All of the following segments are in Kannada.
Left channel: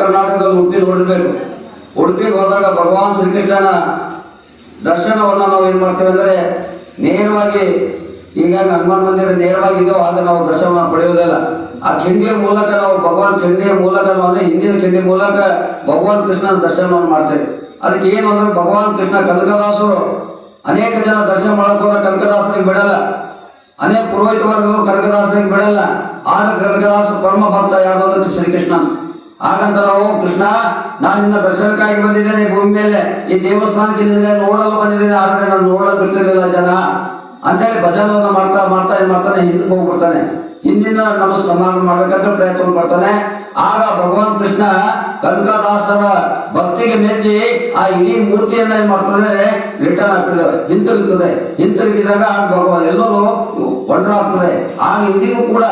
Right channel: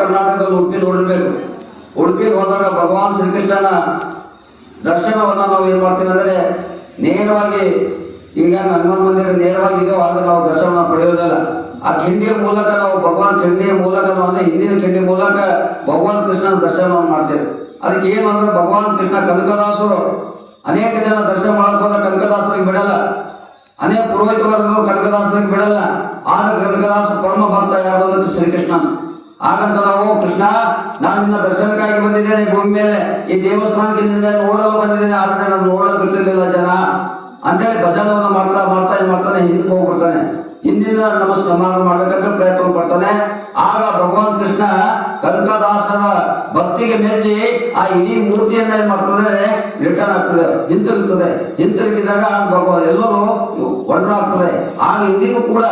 ಕರ್ನಾಟಕದಲ್ಲಿ ಉಡುಪಿ ನೋಡಬೇಕು. ಉಡುಪಿಗೆ ಹೋದಾಗ ಭಗವಾನ್ ಶ್ರೀಕೃಷ್ಣನ ದರ್ಶನವನ್ನು ನಾವು ಏನು ಮಾಡ್ತೇವೆ ಅಂದರೆ ನೇರವಾಗಿ ಈಗ ಹನುಮಾನ್ ಮಂದಿರ ನೇರವಾಗಿದೆಯೋ ಆಗ ನಾವು ದರ್ಶನ ಪಡೆಯೋದಿಲ್ಲ. ಆ ಕಿಂಡಿಯ ಮೂಲಕ ನಾವು ಭಗವಾನ್ ಕಿಂಡಿಯ ಮೂಲಕ ಅಂದರೆ ಹಿಂದಿನ ಕಿಂಡಿ ಮೂಲಕ ಭಗವಾನ್ ಕೃಷ್ಣನ ದರ್ಶನವನ್ನು ಮಾಡ್ತೇವೆ. ಅದಕ್ಕೆ ಏನು ಅಂದ್ರೆ ಭಗವಾನ್ ಕೃಷ್ಣ ಕನಕದಾಸರು ಅನೇಕ ಜನ ದರ್ಶನ ಮಾಡಕ್ಕೆ ಹೋದ ಕನಕದಾಸರಿಗೆ ಬಿಡಲ್ಲ, ಅನೇಕ ಪುರೋಹಿತ ವರ್ಗಗಳು ಕನಕದಾಸರಿಗೆ ಬಿಡಲ್ಲ. ಆಗ ಕನಕದಾಸ ಪರಮ ಭಕ್ತ ಯಾರು ಅಂದ್ರೆ ಶ್ರೀಕೃಷ್ಣ. ಹಾಗಂತ ನಾವು ಕೃಷ್ಣ ನಾನು ನಿನ್ನ ದರ್ಶನಕ್ಕಾಗಿ ಬಂದಿದ್ದೇನೆ ಭೂಮಿ ಮೇಲೆ, ಈ ದೇವಸ್ಥಾನಕ್ಕೆ ನಿನ್ನ ನೋಡಲು ಬಂದಿದ್ದೇನೆ, ಆದರೆ ನಾನು ನೋಡಲು ಬಿಡ್ತಿರ್ಲಿಲ್ಲ ಜನ ಅಂತೇಳಿ ಭಜನವನ್ನು ಮಾಡ್ತಾ ಮಾಡ್ತಾ ಏನು ಮಾಡ್ತಾನೆ, ಹಿಂದಕ್ಕೆ ಹೋಗ್ಬಿಡ್ತಾನೆ. ಹಿಂದಿನ ನಮಸ್ಕಾರ ಮಾಡ್ಬೇಕಂತ ಪ್ರಯತ್ನ ಪಡ್ತಾನೆ. ಆಗ ಭಗವಾನ್ ಕೃಷ್ಣ ಕನಕದಾಸರ ಭಕ್ತಿಗೆ ಮೆಚ್ಚಿ ಆ ಇಡೀ ಮೂರ್ತಿಯನ್ನ ಏನ್ ಮಾಡ್ತದೆ, ರಿಟರ್ನ್ ಆಗ್ತದೆ, ಹಿಂತಿರುಗಿದಾಗ ಆಗ ಭಗವಾನ್ ಎಲ್ಲರೂ ಒಡ್ರಾಗ್ತದೆ. ಆಗ ಇಂದಿಗೂ ಕೂಡ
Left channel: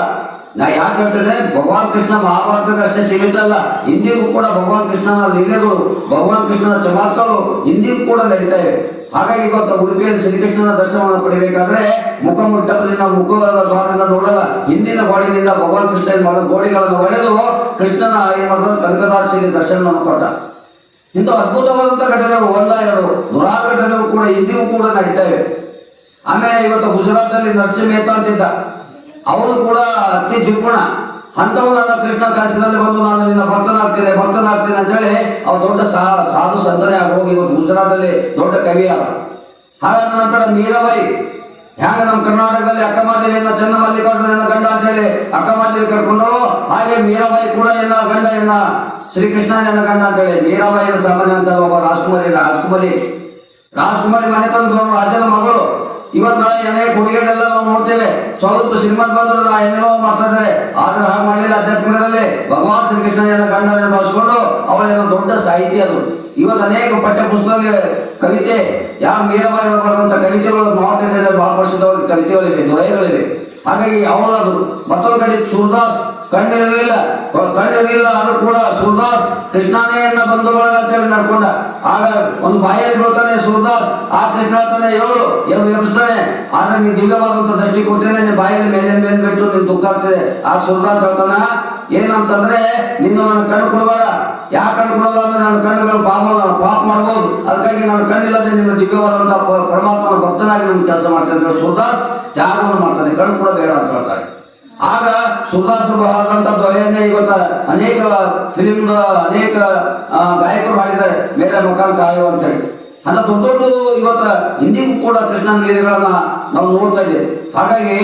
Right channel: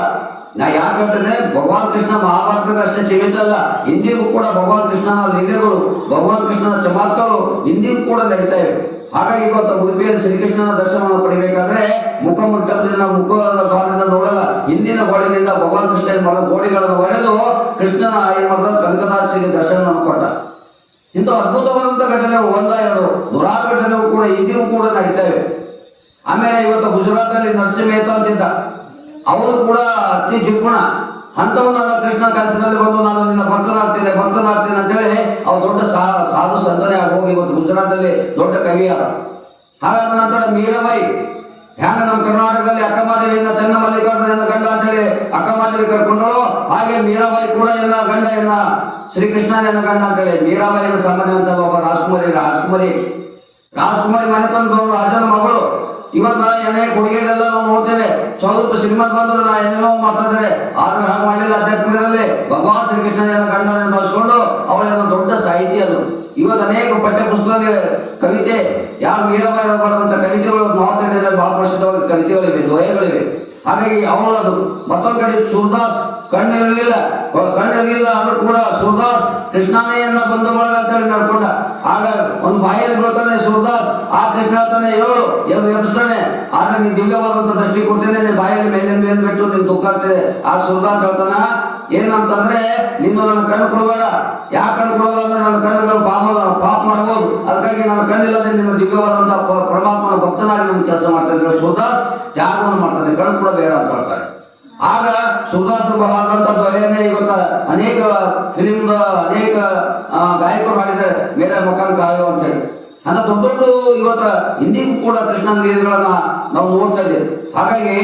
ನಾ ಯಾಕೆ ಹೇಳ್ತೇನೆ, ಭಗವಾನ್ ಕೃಷ್ಣ ಮಹಾಭಾರತಕ್ಕೆ ಅಷ್ಟೇ ಸೀಮಿತಲ್ಲ, ಇಂದಿಗೂ ಕೂಡ ಭಗವಾನ್ ಕೃಷ್ಣನ ಲೀಲೆಗಳು, ಭಗವಾನ್ ಕೃಷ್ಣನ ಚಮತ್ಕಾರಗಳು ಇಂದಿಗೂ ಕೂಡ ನಡೀತಾ ಇವೆ. ಹಾಗಾಗಿ ಇವತ್ತು ಉಡುಪಿಯಲ್ಲಿ ಶ್ರೀಕೃಷ್ಣನ ದರ್ಶನವನ್ನು ಪಡಿಬೇಕಾದ್ರೆ ಮುಖಮಂಟಪದಿಂದ ಮುಖದ ಭಾಗದಿಂದ ನೋಡಲ್ಲ, ಹಿಂದಿನ ಗೋಡಿನಿಂದ ಭಗವಾನ್ ಕೃಷ್ಣ ಏನ್ ಮಾಡಿದ ಗೋಡಿಗಳನ್ನು ಒಡೆದು ಕೃಷ್ಣನ ಏನ್ ಮಾಡಿದ ಕನಕದಾಸರಿಗೆ ದರ್ಶನವನ್ನು ಕೊಟ್ಟ. ಇಂಥ ಅದ್ಭುತವಾದಂಥ ಘಟನೆಗಳು ಒಂದ ಎರಡು ನೂರಾರು ಘಟನೆಗಳು ಕೂಡ ಇಂದಿಗೂ ಕೂಡ ನಡೀತಾ ಇವೆ. ಆಮೇಲೆ ಇವತ್ತು ಗುಜರಾತಲ್ಲಿ ನರಸಿಂಹ ಮೆಹ್ತಾ ಅಂತಿದ್ದ, ಅವನು ಕೂಡ ಅತಿ ಜಿಪುಣ ಅಂಥವನ್ನ ಕೃಷ್ಣ ಕನಸಿನಲ್ಲಿ ಬಂದು ನಾನು ನಿನ್ನ ಭಕ್ತನಾಗ್ತೇನೆ ಅಂತ ಹೇಳಿ ಅವ್ರು ದೊಡ್ಡ ಸಾಧು ಸಂತನೇ ಆಗಿ ಹೋಗಿ ಇವತ್ತು ಗುಜರಾತಲ್ಲಿ ದೊಡ್ಡ ಕವಿಯಾದ. ಹಾಗಾದ ನಂತರ ಮೀರಾಬಾಯಿ ಹ್ಯಾಂಗ ನಮ್ಮ ಕರ್ನಾಟಕದಲ್ಲಿ ಅಕ್ಕಮಹಾದೇವಿಯನ್ನ ಚನ್ನಮಲ್ಲಿಕಾರ್ಜುನ ಗಂಡ ಅಂತ ಹೇಳಿ ಅಕ್ಕಮಹಾದೇವಿ ಕರ್ಕೊಂಡು, ಹಾಗೆ ಮೀರಾಬಾಯಿ ಕೂಡ ಗಂಡ ಶ್ರೀಕೃಷ್ಣನ ಗಂಡ ಅಂತ ಹೇಳಿ ಮೀರಾಬಾಯಿನ ಸಾಮಾನ್ಯ ಅಂತ ಒಬ್ಬ ರಾಜ್ಕುಮಾರಿ ಮನೆತನದವರು ರಾಜನ ಮಗಳು. ಇವತ್ತು ನಾಳೆ ಏನೇ ಕೊಡುಗೆಗಳೆಲ್ಲ ನಾವು ನೋಡ್ತೇವೆ, ಸ್ವಲ್ಪ ಶ್ರೀಮಂತ ಬಂದರು ನಾ ಏನೇನೋ ಮಾಡ್ತಾ ಇದ್ದಾರೆ, ಆದ್ರೆ ಹಾಗೆ ಮಾಡಲಿಲ್ಲ. ಅಧ್ಯಾತ್ಮದಲ್ಲಿ ಭಗವಾನ್ ಶ್ರೀಕೃಷ್ಣನ ಗಂಡನ ಭಾವಿಸ್ಕೊಂಡು ಅವಳೇನೋ ದೊಡ್ಡ ಸಾಹಿತಿ ಅದು. ಇವತ್ತು ಅನೇಕ ಪಠ್ಯ ಪುಸ್ತಕದಲ್ಲಿ ಕವಿತೆ ಯಾವ ಮೀರಾಬಾಯಿ ಬರೆದಂಥ ಕವಿತೆಗಳು ನಾರ್ತ್ ಇಂಡಿಯಾದಲ್ಲಿ ಬಹಳ ಪ್ರಸಿದ್ಧವಾಗಿ ಕವಿತೆಗಳಿವೆ, ದ್ವಯಗಳಿವೆ. ಹಾಗಾಗಿ ಅವಳದು. ಮತ್ತೊಂದು ಕಡೆ ಸೂರದಾಸ್ ಕಣ್ಣಿರಲಿಲ್ಲ ಆದ್ರೂ ಕೂಡ ಸೂರದಾಸ್ ಕೃಷ್ಣಾನೆಯನ್ನ ಬಂದು ಬಳಗ ಅಂತ ಹೇಳಿ ನಡ್ಕೊಂಡ. ಆಗ ಒಂದು ಬಾಯಲ್ಲಿ ಬೀಳ್ತಾನೆ ಸೂರದಾಸ್, ಆ ಕೃಷ್ಣ ಹೇಳ್ತಾನೆ ಎಬ್ಬಿಸ್ತಾನೆ, ಆದ್ರೆ ನೀನ್ ದಿವ್ಯವಾದಂತ ದೃಷ್ಟಿ ಕೊಡ್ತೇನೆ, ನಿನ್ ಬಾಯಲ್ಲಿ ಮೇಲೆ ಬಿಟ್ಟು ನಿನ್ ದುಃಖ ಆಗ್ತದೆ. ಆಗ ಸೂರದಾಸ್ ಹೇಳ್ತಾನ ಏನಂತಂದ್ರೆ, ನಿನ್ನ ನನ್ನ ಕಣ್ಣು ಕೊಡಬೇಡ. ಯಾಕೆ ಕಣ್ಣು ಕೊಡೋಲ್ಲ ಅಂದ್ರೆ ನನ್ನ ಕಣ್ಣುಗಳು ಪಾಪ ಮಾಡ್ಬೋದು, ಅದಕ್ಕಾಗಿ ನನ್ನ ಕಣ್ಣಿಲ್ಲದೆ ನಿನ್ನ ದಿವ್ಯವಾದಂತ ಪರಮಾತ್ಮನ ಭಕ್ತನಾಗಿ ನನ್ನ ಕೆಲಸ ಮಾಡ್ತೇನೆ. ಸೂರದಾಸ್ ತ್ಯಾಗವನ್ನು ಮಾಡ್ತಾನೆ, ಕಣ್ಣು ಕೂಡ ಬೇಡ ಅಂತ ಹೇಳ್ತಾರೆ. ಆಗ ಸೂರದಾಸರು ಬಹಳಂತ ದ್ವಯನೇ ಇವತ್ತ ಅನೇಕ ಫಿಲಿಮ್ದ ಅನೇಕ ಗಾಯಕರು ಮಾಡಿದ್ದಾರೆ, ಬೇರೆ ಮಕಾನ್ ಕಾಯೋ ಅಂತ ಹೇಳಿ. ಅಂತ ದೊಡ್ಡ ಇವತ್ತ ಇಂದಿಗೂ ಕೂಡ ಕೃಷ್ಣನ ಲೀಲೆಗಳನ್ನ ನಾವು ನೋಡ್ತಾ ಇದ್ದೇವೆ. ಹಾಗಾಗಿ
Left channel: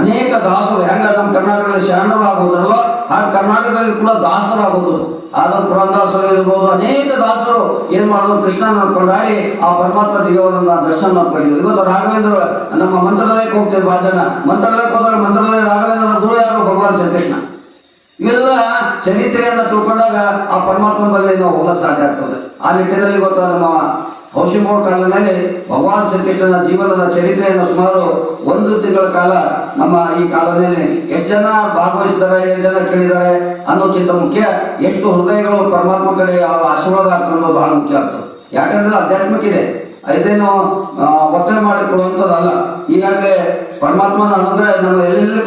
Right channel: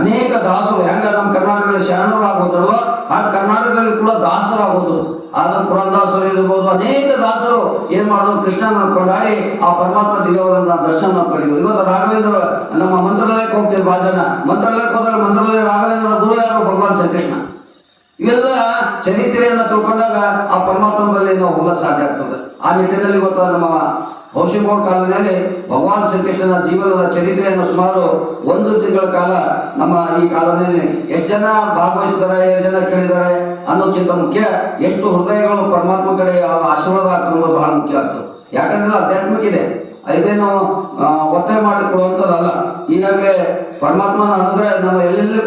ಅನೇಕ ದಾಸರು ಹೆಂಗ ನಮ್ಮ ಕರ್ನಾಟಕದಲ್ಲಿ ಶರಣರಾಗೋದ್ರಲ್ವ ಹಾಗೆ ಕರ್ನಾಟಕದಲ್ಲಿ ಕೂಡ ದಾಸರಾಗೋದು. ಆದ ಪುರಂದಾಸರು ಇರ್ಬೋದು, ಅನೇಕ ದಾಸರು ಏನ್ ಮಾಡಿದ್ರು, ಕೃಷ್ಣನ ಕೊಂಡಾಡಿ ಆ ಪರಮಾತ್ಮ ದಿವ್ಯವಾದಂತಹ ದರ್ಶನ ಪಡೆಯುವುದು. ಇವತ್ತು ರಾಘವೇಂದ್ರ ನಮ್ಮ ಮಂತ್ರಾಲಯಕ್ಕೆ ಹೋಗ್ತೇವೆ, ಭಾಳ ಜನ ಮಂತ್ರಾಲಯಕ್ಕೆ ಹೋದಾಗ ಮಂತ್ರಾಲಯ ರಾಘವೇಂದ್ರ ಗುರು ಯಾರು, ಭಗವಾನ್ ಶ್ರೀಕೃಷ್ಣ. ಇವೆಲ್ಲ ಚರಿತ್ರೆಯನ್ನ ತಿಳ್ಕೊಂಡಾಗ ಆ ಪರಮಾತ್ಮನ ಮೇಲೆ ನಾವು ಹೋಗಕ್ಕೆ ಸಾಧ್ಯ ಆಗ್ತದೆ. ಆ ನಿಟ್ಟಿನಲ್ಲಿ ಇವತ್ತು ನಮ್ಮ ಔಷಿಮೋಡ್ ಕಾಲದಲ್ಲಿ ಭಗವಾನ್ ಶ್ರೀಕೃಷ್ಣನ ಜೀವನದ ಚರಿತ್ರೆಯನ್ನು ಸುಮಾರು 1 ತಿಂಗಳ ಕಾಲ ನಮ್ಮ ಈ ಕಾಲದಲ್ಲಿ ಎಷ್ಟು ಜನ ಭಾಗವಹಿಸಿದ್ದಾರೆ, ಎಷ್ಟು ಜನ ಕೇಳಿದ್ದಾರೆ ಅನ್ನೋಕ್ಕಿಂತ ಮುಖ್ಯ ಎಷ್ಟು ಹೃದಯಗಳು ಪರಮಾತ್ಮ ಕಡೆ ಆಶೀರ್ವಾದ ಆಗ್ತದೆ ಬಹಳ ಮುಖ್ಯ ಆಗ್ತದೆ. ಯಾಕಂದ್ರೆ ಆಧ್ಯಾತ್ಮಿಕ ಇದೆ, ಇದೇನು ಒತ್ತಾಯ ಮಾಡಿ ಕೊಡುವಂಥದ್ದಲ್ಲ. ಈಗಾಗಲೇ ಪರಮಾತ್ಮನ ಅನುಗ್ರಹ ನಮ್ಮ ಎಲ್ಲೆಲ್ಲಿ